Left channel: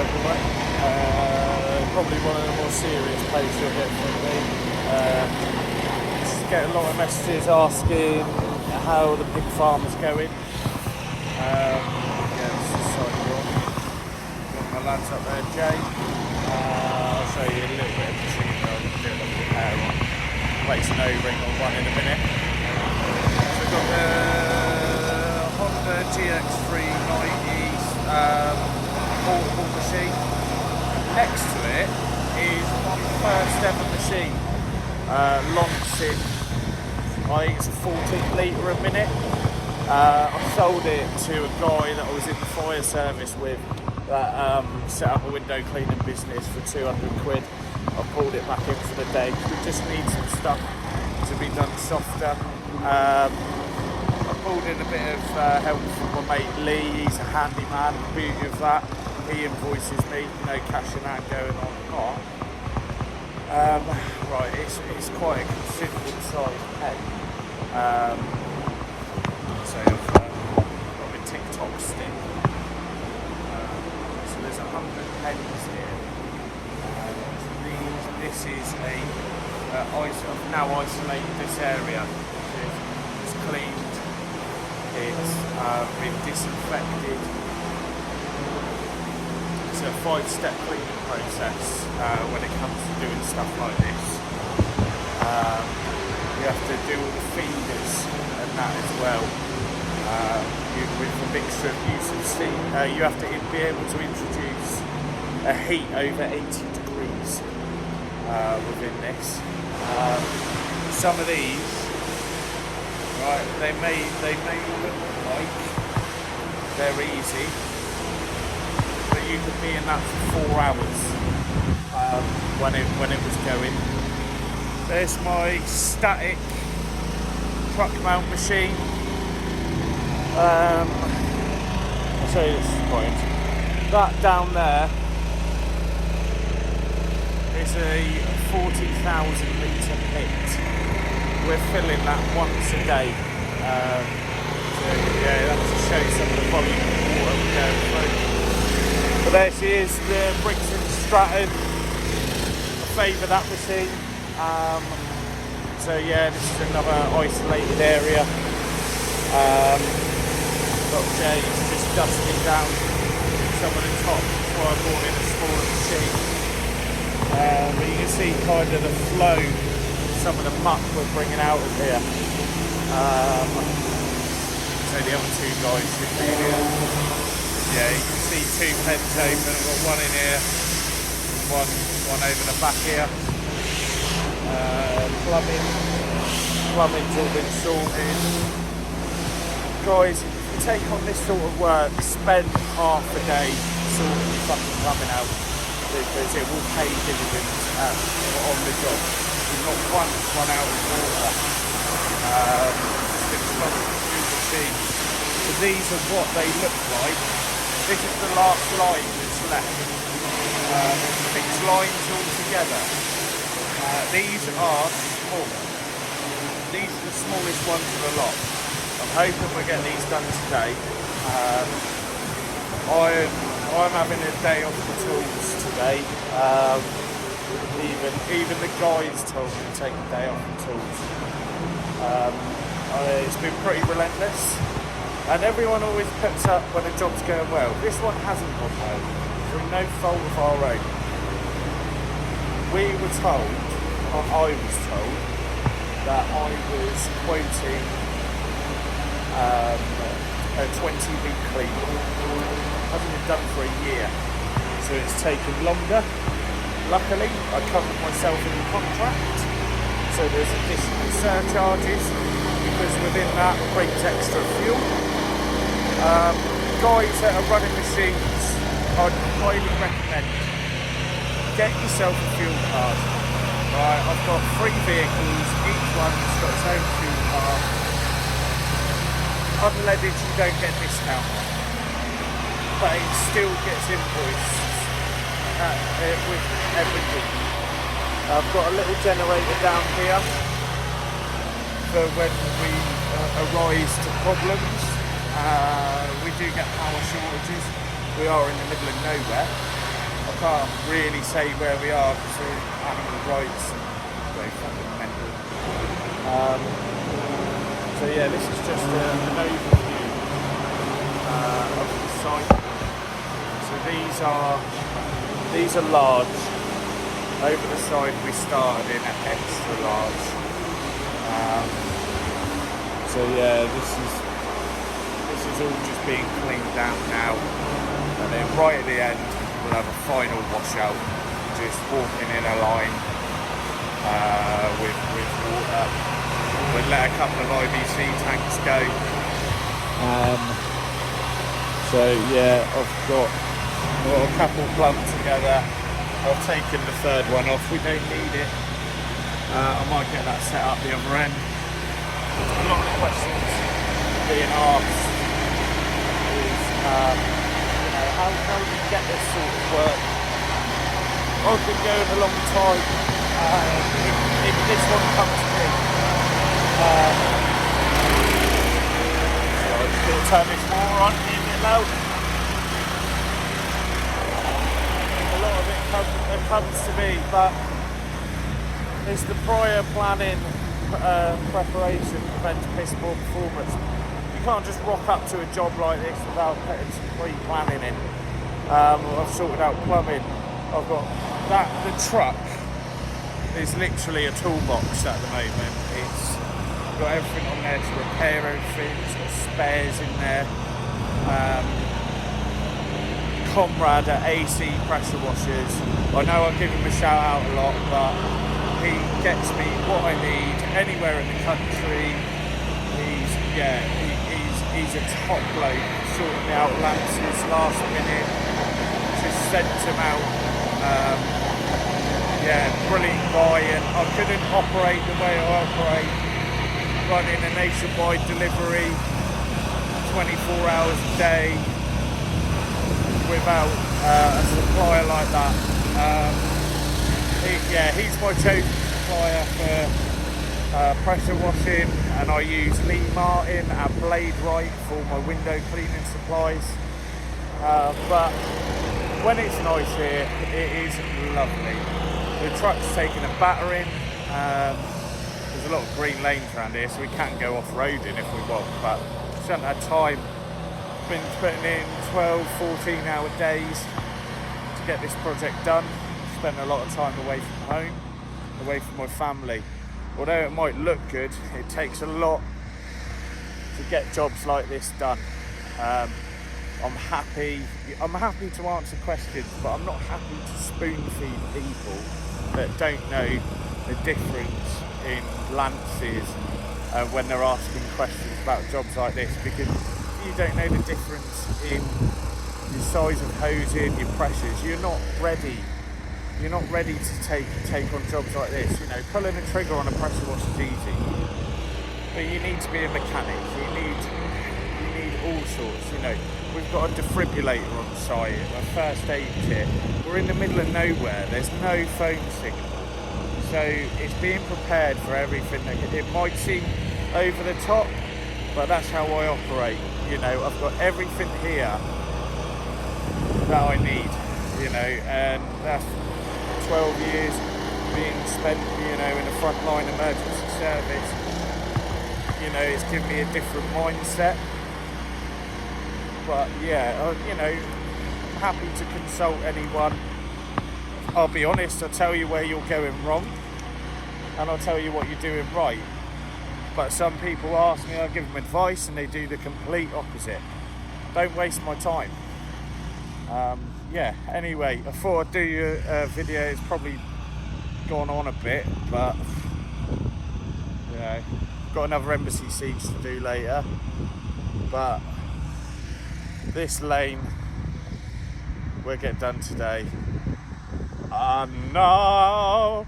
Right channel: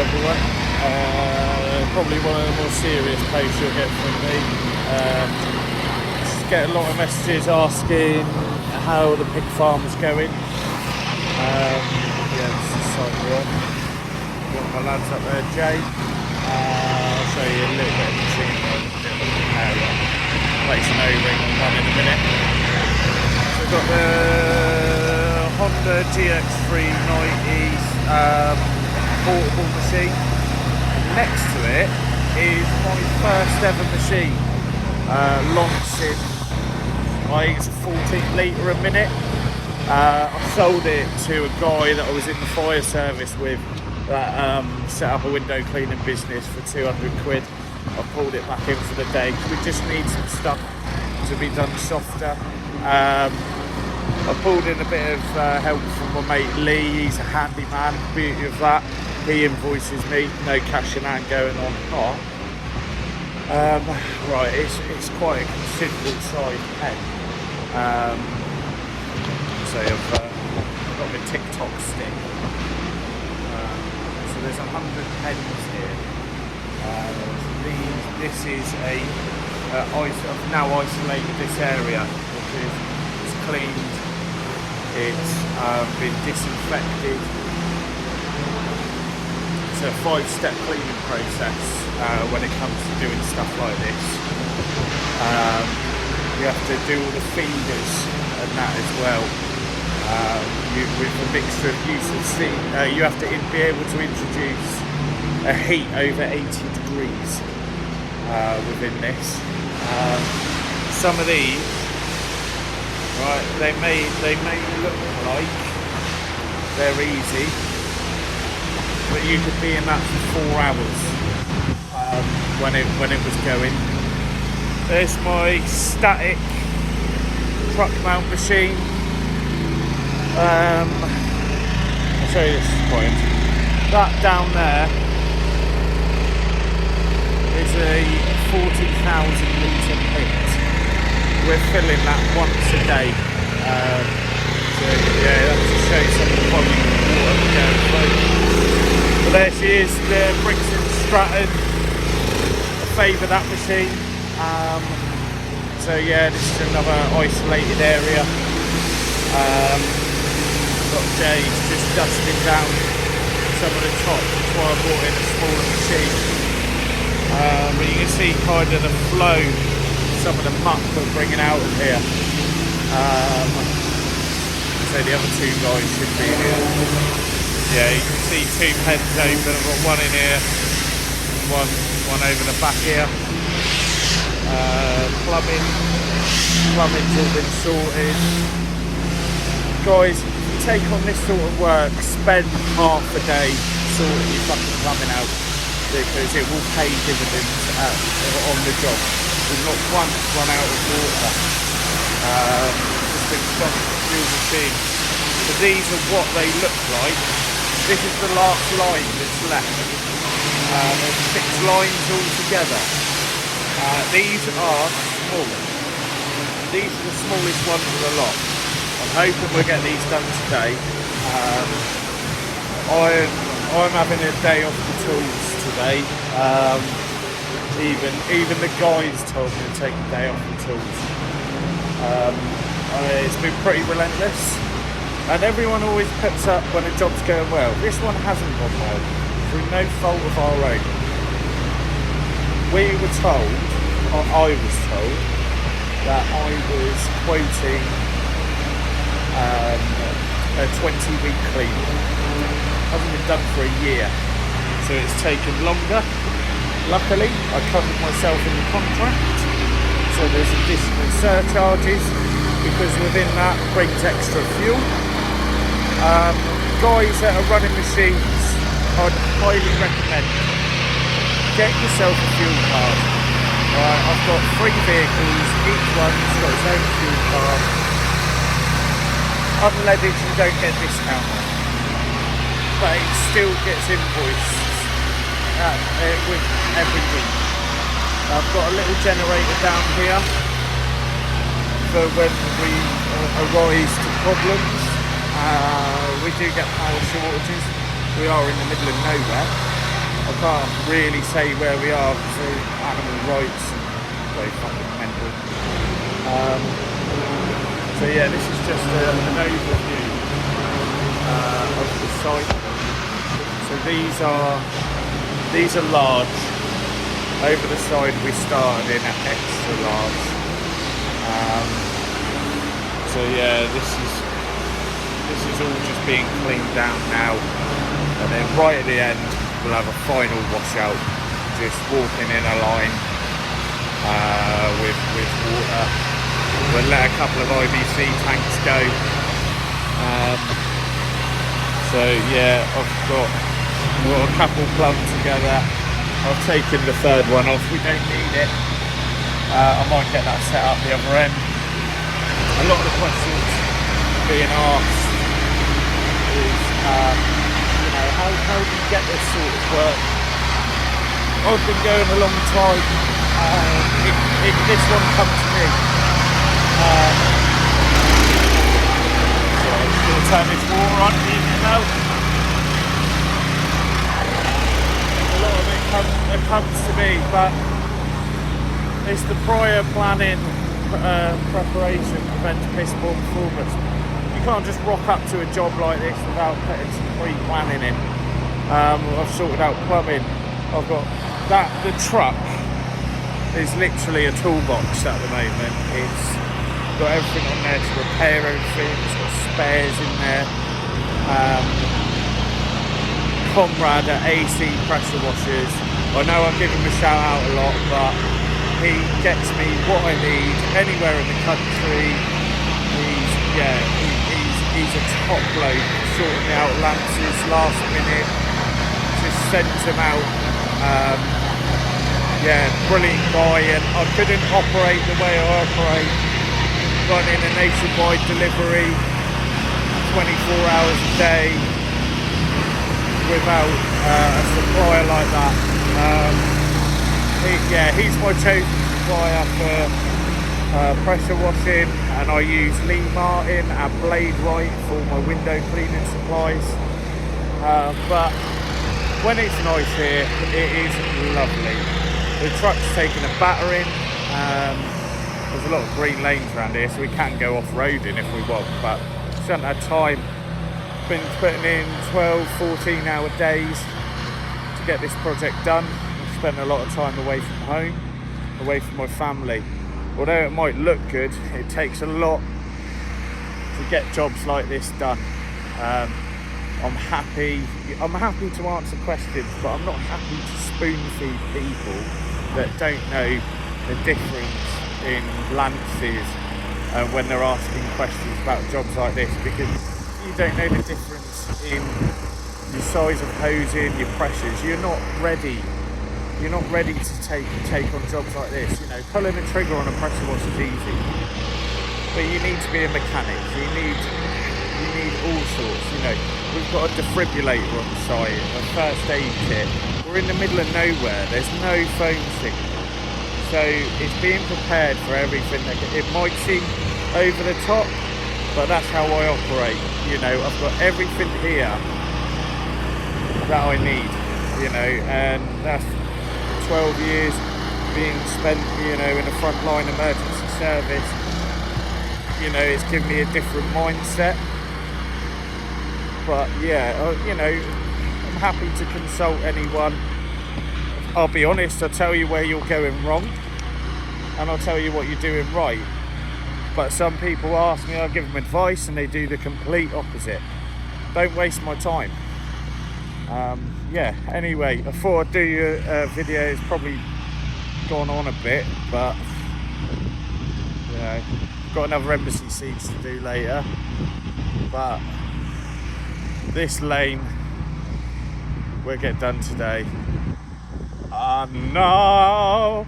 everyone. Probably one of the more serious posts you'll get from me. Just get a lot of messages asking how the pig farm's going. Yeah, this is the site we're on. Got my lads up there, Jay. I'll show you a little bit of the machine. I'll do a little power. Place an O-ring on one in a minute. So we've got the Honda GX390 portable machine. Next to it is my first ever machine, launched in, I think it's a 14 litre a minute. I sold it to a guy that I was in the fire service with that set up a window cleaning business for 200 quid. I pulled it back into the day because we just need some stuff to be done softer. I pulled in a bit of help from my mate Lee. He's a handyman. Beauty of that, he invoices me, no cash in hand going on. Right, it's quite a considerable size pen. So I've got my TikTok stick. So there's 100 pens here. This is I've now isolated this area. It's cleaned. It's been disinfected. It's a 5-step cleaning process when it comes to doing stuff like this. You have to do all the feeders and that as well. With a mixture of use of steam, you have to be able to introduce a heat over 80 degrees within this. Some of these, right, they may look like they're easy, but you could be in that for 4 hours when it was going. There's my static truck mount machine. I'll show you this point. That down there is a 40,000 litre pit. We're filling that once a day. So yeah, that's to show you some of the volume of water we're going through. But there she is, the Brixton Stratton. I favour that machine. So yeah, this is another isolated area. Got Jay just dusting down some of the top. That's why I brought in a smaller machine. You can see kind of the flow, some of the muck we're bringing out of here. So the other two guys should be in here. Yeah, you can see 2 pens over, one in here, one over the back here. Plumbing's all been sorted. Guys, if you take on this sort of work, spend half a day sorting your fucking plumbing out, because it will pay dividends on the job. We've not once run out of water. There's been some fuel machine. These are what they look like. This is the last line that's left. There's 6 lines all together. These are small. These are the smallest ones of the lot. I'm hoping we'll get these done today. I'm having a day off the tools today. Even the guys told me to take a day off the tools. It's been pretty relentless, and everyone always puts up when a job's going well. This one hasn't gone well through no fault of our own. We were told, or I was told, that I was quoting a 20-week clean. Hasn't been done for a year, so it's taken longer. Luckily, I covered myself in the contract, so there's additional surcharges, because within that brings extra fuel. Guys that are running machines, I'd highly recommend get yourself a fuel card. Right, I've got 3 vehicles, each one's got its own fuel card. Unleaded you don't get discount on, but it still gets invoiced with every week. I've got a little generator down here for when we arise to problems. We do get power shortages. We are in the middle of nowhere. I can't really say where we are because of animal rights. Very fucking mental. So yeah, this is just an overview of the site. So these are large. Over the side we started in at extra large. So yeah, this is all just being cleaned down now, and then right at the end we'll have a final washout, just walking in a line with water. We'll let a couple of IBC tanks go. So yeah, I've got a couple plugged together. I've taken the third one off, we don't need it. I might get that set up the other end. A lot of the questions being asked is, you know, how do you get this sort of work? I've been going a long time. If this one comes to me, we'll turn this water on, easy now. A lot of it comes to me, but it's the prior planning, preparation prevents piss poor performance. You can't just rock up to a job like this without putting some pre-planning in. I've sorted out plumbing. I've got that. The truck is literally a toolbox at the moment. It's got everything on there to repair everything. It's got spares in there. Conrad at AC pressure washers. I know I give him a shout out a lot, but he gets me what I need anywhere in the country. He's a top bloke, sorting me out lances last minute, just sent him out. Yeah, brilliant guy, and I couldn't operate the way I operate, running a nationwide delivery 24 hours a day without a supplier like that. He's my chosen supplier for pressure washing, and I use Lee Martin and Blade Right for my window cleaning supplies. But when it's nice here, it is lovely. The truck's taking a battering. There's a lot of green lanes around here, so we can go off-roading if we want, but just haven't had time. Been putting in 12, 14 hour days to get this project done. I've spent a lot of time away from home, away from my family. Although it might look good, it takes a lot to get jobs like this done. I'm happy to answer questions, but I'm not happy to spoon feed people that don't know the difference in lances when they're asking questions about jobs like this, because you don't know the difference in your size of hosing, your pressures. You're not ready to take on jobs like this. You know, pulling a trigger on a pressure wash is easy, but you need to be a mechanic. You need all sorts. You know, we've got a defibrillator on site, a first aid kit. We're in the middle of nowhere. There's no phone signal, so it's being prepared for everything. It might seem over the top, but that's how I operate. You know, I've got everything here that I need, you know, and that's 12 years being spent, you know, in a frontline emergency service. You know, it's given me a different mindset. But yeah, you know, I'm happy to consult anyone. I'll be honest, I'll tell you where you're going wrong, and I'll tell you what you're doing right. But some people ask me, I give them advice, and they do the complete opposite. Don't waste my time. Yeah, anyway, I thought I'd do your video. It's probably gone on a bit, but you know, got another embassy seats to do later. But this lane will get done today. And now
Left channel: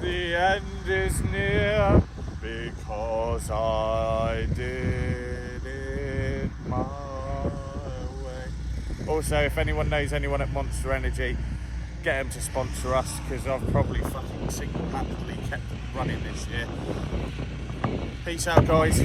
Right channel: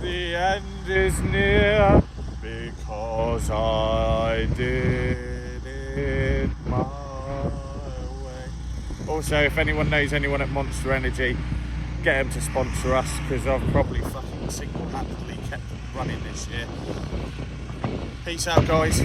the end is near, because I did it my way. Also, if anyone knows anyone at Monster Energy, get them to sponsor us, because I've probably fucking single-handedly kept them running this year. Peace out, guys.